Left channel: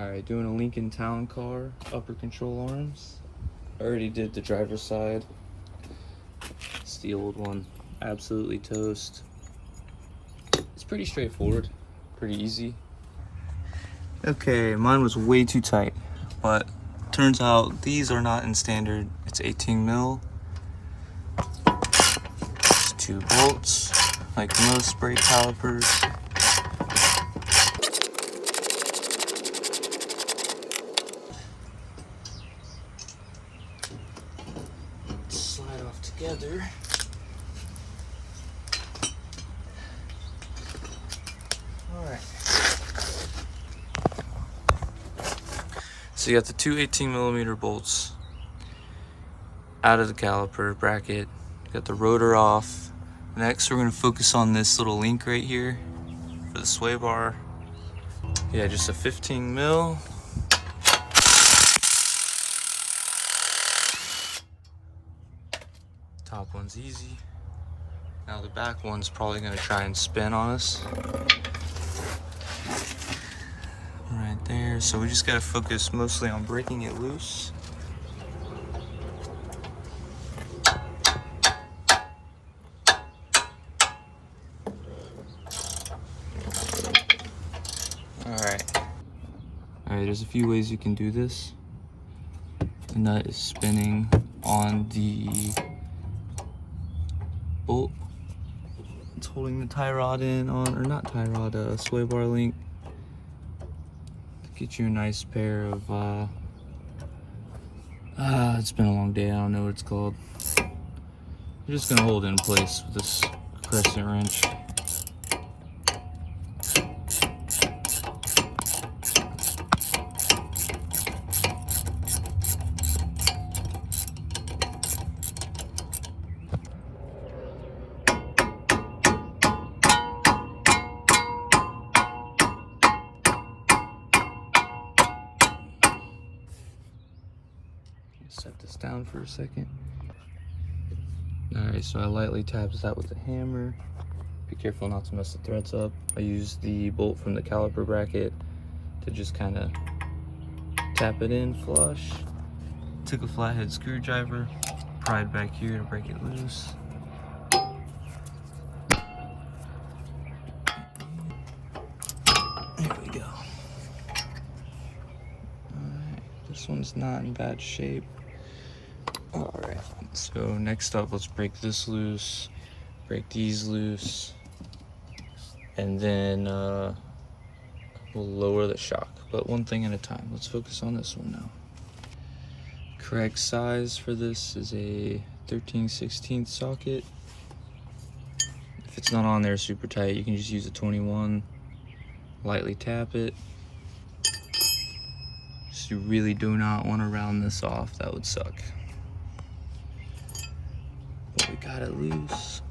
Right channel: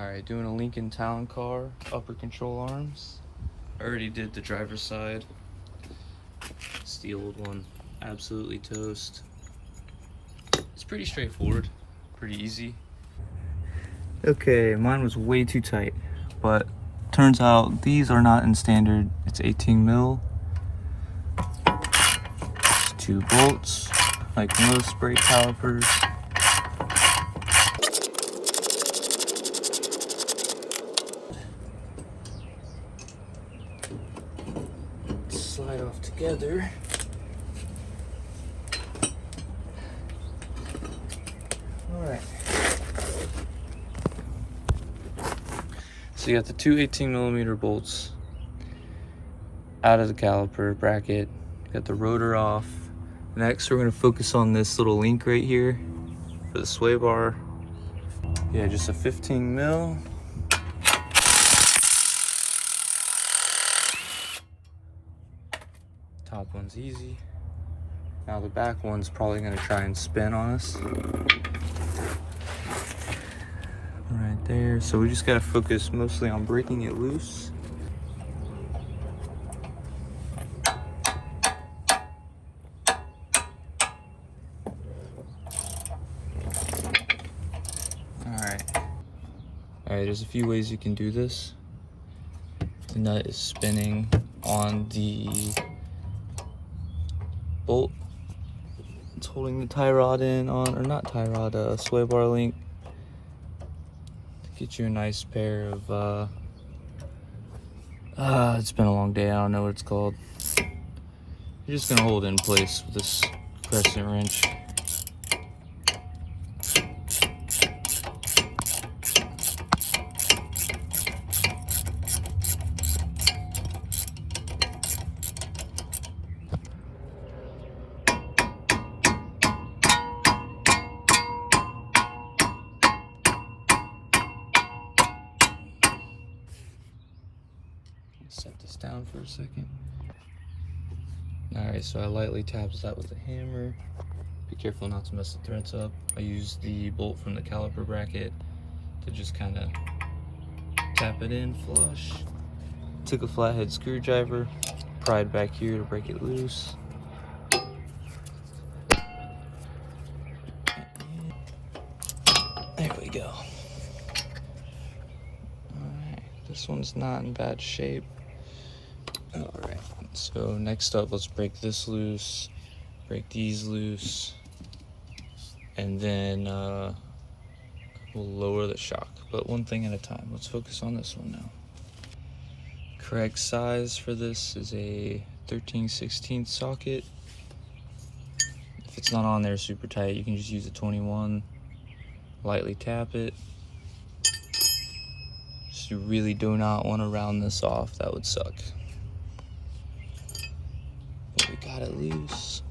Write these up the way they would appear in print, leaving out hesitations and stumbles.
Alright, doing a Lincoln Town Car, upper control arms. I already did the driver's side. It's the old one, absolutely toast. It's pretty straightforward, pretty easy. Okay, mine was way too tight, but turns out these are not in standard. It's 18 mil. It's 2 bolts, like most brake calipers. Slide off together. Alright. So you got the two 18mm bolts out of the caliper bracket. Got the rotor off. Next, we're going to focus on this little link right here for the sway bar. Yeah, just a 15 mil. Top one's easy. Now the back one's probably going to try and spin on us. Right there. So we just got to focus mostly on breaking it loose. Alright, there's a few ways you can do this. The nut is spinning on the bolt. It's holding the tie rod in on, or not tie rod, sway bar link. Get you a nice pair of, it's been a long day, I don't know what it's called. You're just gonna hold it in place with this crescent wrench. Set this down for a second. Alright, so I lightly taps that with a hammer. Be careful not to mess the threads up. I used the bolt from the caliper bracket to just kind of tap it in flush. Took a flathead screwdriver, pried back here to break it loose. There we go. Alright, this one's not in bad shape. Alright, so next up, let's break this loose, break these loose, and then we'll lower the shock, but one thing at a time. Let's focus on this one now. Correct size for this is a 13/16 socket. If it's not on there super tight, you can just use a 21, lightly tap it. Just you really do not want to round this off, that would suck. But we got it loose.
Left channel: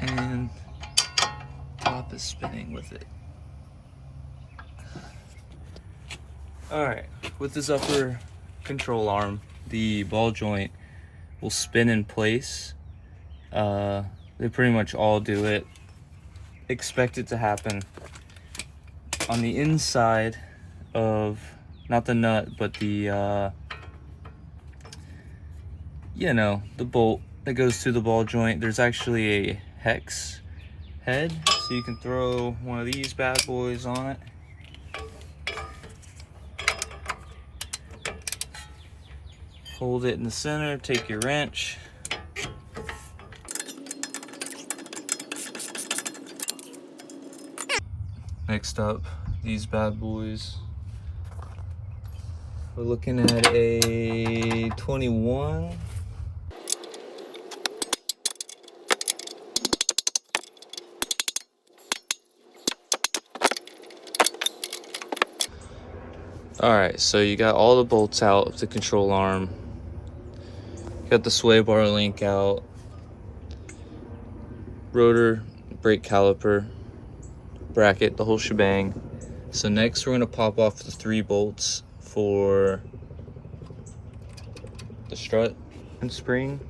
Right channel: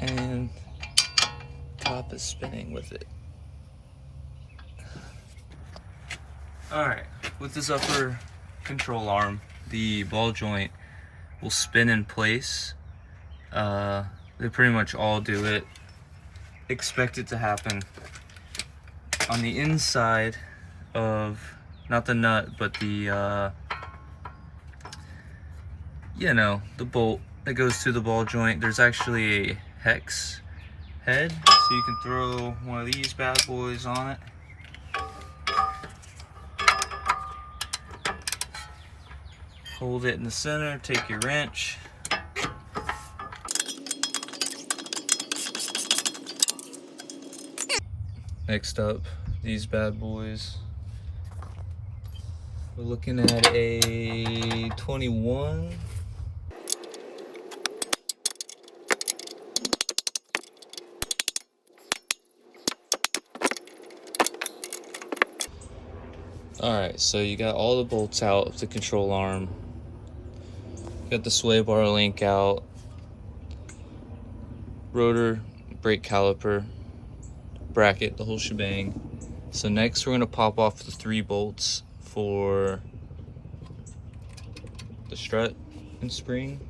And top is spinning with it. Alright, with this upper control arm, the ball joint will spin in place. They pretty much all do it. Expect it to happen. On the inside of, not the nut, but the, the bolt that goes to the ball joint, there's actually a hex head, so you can throw one of these bad boys on it. Hold it in the center, take your wrench. Next up, these bad boys. We're looking at a 21. Alright, so you got all the bolts out of the control arm. Got the sway bar link out. Rotor, brake caliper, bracket, the whole shebang. So next we're going to pop off the 3 bolts for the strut and spring.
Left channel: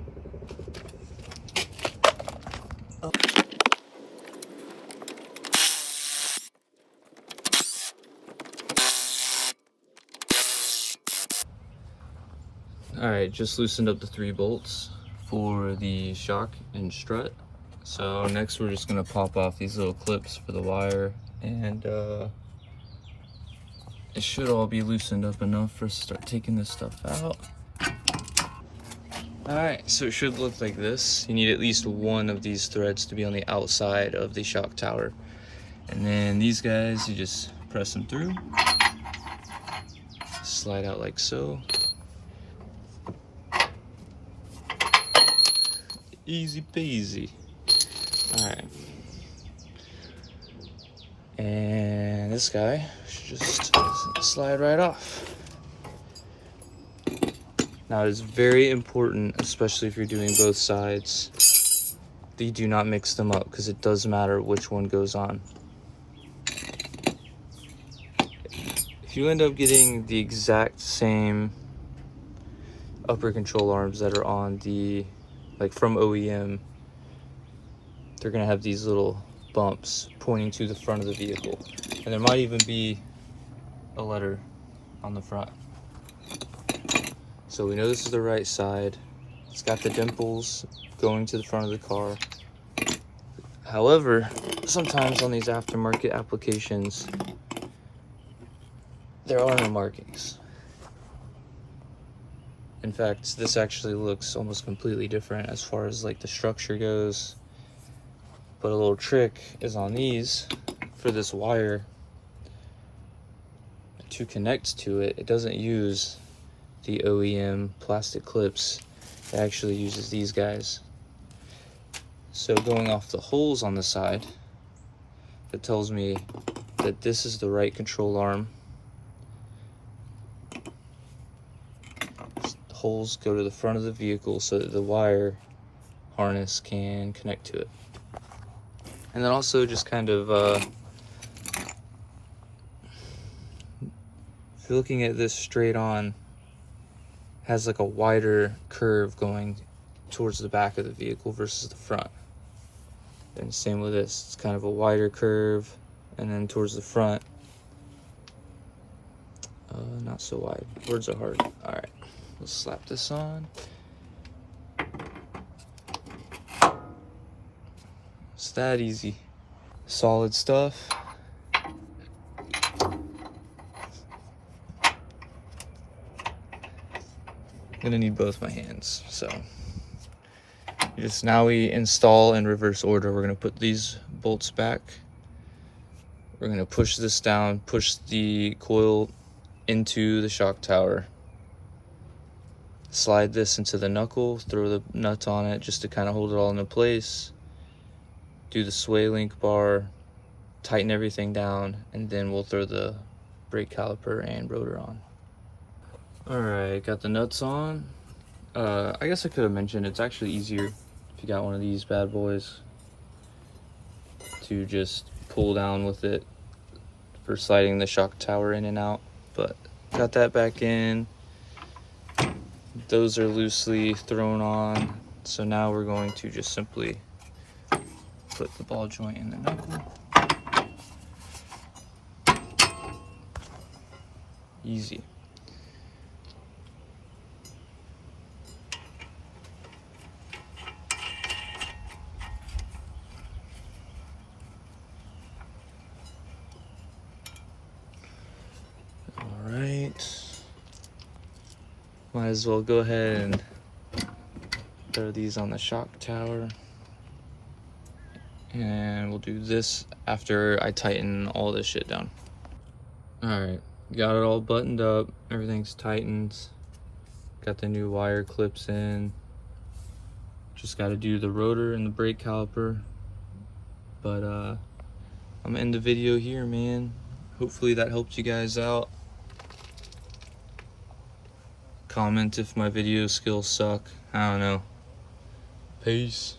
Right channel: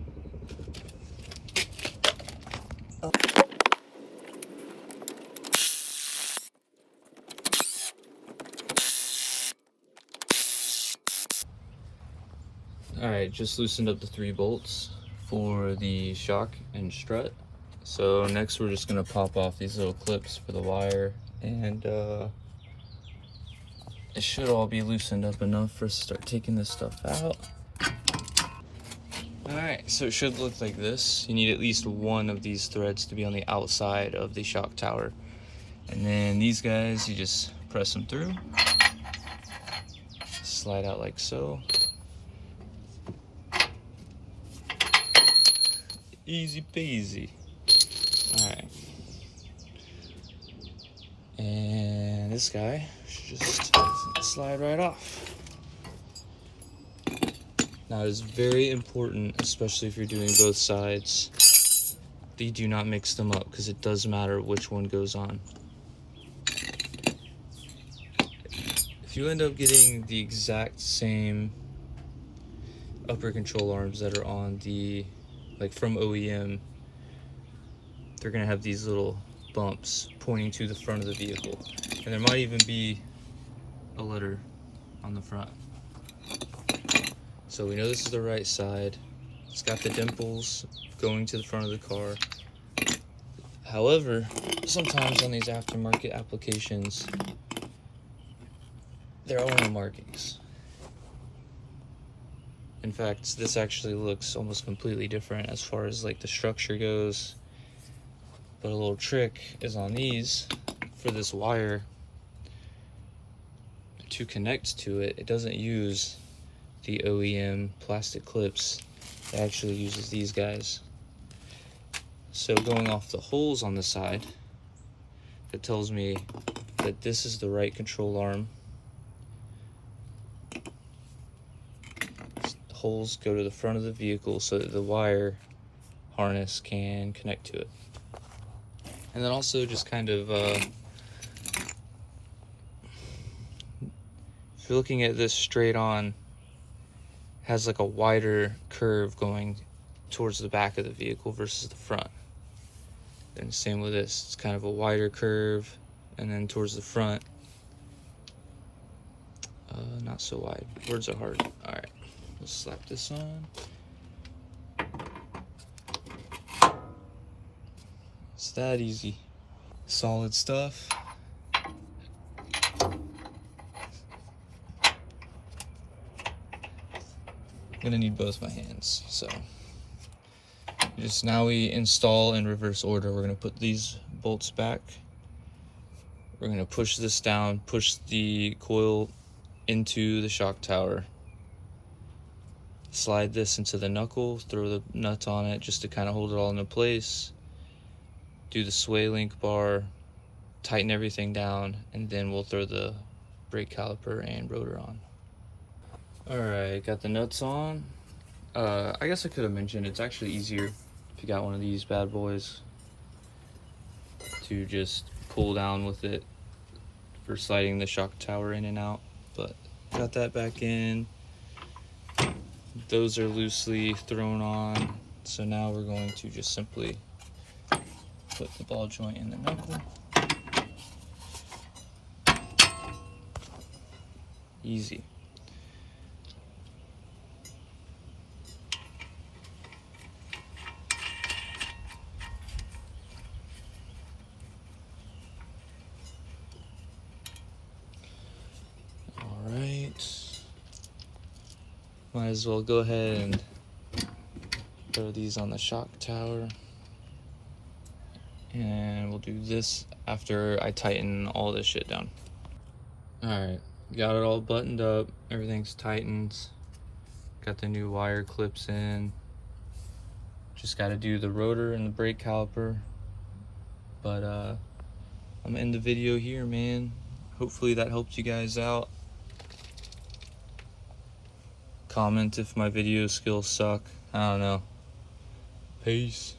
All right, just loosened up the 3 bolts for the shock and strut. So next we're just gonna pop off these little clips for the wire, and it should all be loosened up enough for us to start taking this stuff out. All right, so it should look like this. You need at least one of these threads to be on the outside of the shock tower. And then these guys, you just press them through, slide out like so. Easy peasy. All right. And this guy should just slide right off. Now it's very important, especially if you're doing both sides, that you do not mix them up, because it does matter which one goes on. If you end up getting the exact same upper control arms that are on the, like from OEM, they're gonna have these little bumps pointing to the front of the vehicle. And there might even be a letter on the front. So we know this is the right side. It's got the dimples going to the front of the car. However, sometimes on these aftermarket applications, there are no markings. In fact, this actually looks almost completely different as far as like the structure goes. But a little trick is on these, for this wire to connect to it, it doesn't use the OEM plastic clips. It actually uses these guys. So going off the holes on the side, it tells me that this is the right control arm. The holes go to the front of the vehicle so that the wire harness can connect to it. And then also just kind of, if you're looking at this straight on, has like a wider curve going towards the back of the vehicle versus the front. And same with this, it's kind of a wider curve, and then towards the front, not so wide. Words are hard. All right, let's slap this on. It's that easy. Solid stuff. I'm gonna need both my hands, so just now we install in reverse order. We're gonna put these bolts back. We're gonna push this down, push the coil into the shock tower, slide this into the knuckle, throw the nuts on it just to kind of hold it all into place, do the sway link bar, tighten everything down, and then we'll throw the brake caliper and rotor on. All right, got the nuts on. I guess I could have mentioned it's actually easier if you got one of these bad boys to just pull down with it for sliding the shock tower in and out. But got that back in. Those are loosely thrown on. So now we're going to just simply put the ball joint in the knuckle. Easy. Might as well go ahead and throw these on the shock tower. And we'll do this after I tighten all this shit down. Alright, got it all buttoned up. Everything's tightened. Got the new wire clips in. Just got to do the rotor and the brake caliper. But I'm gonna end the video here, man. Hopefully that helped you guys out. Comment if my video skills suck. I don't know. Peace.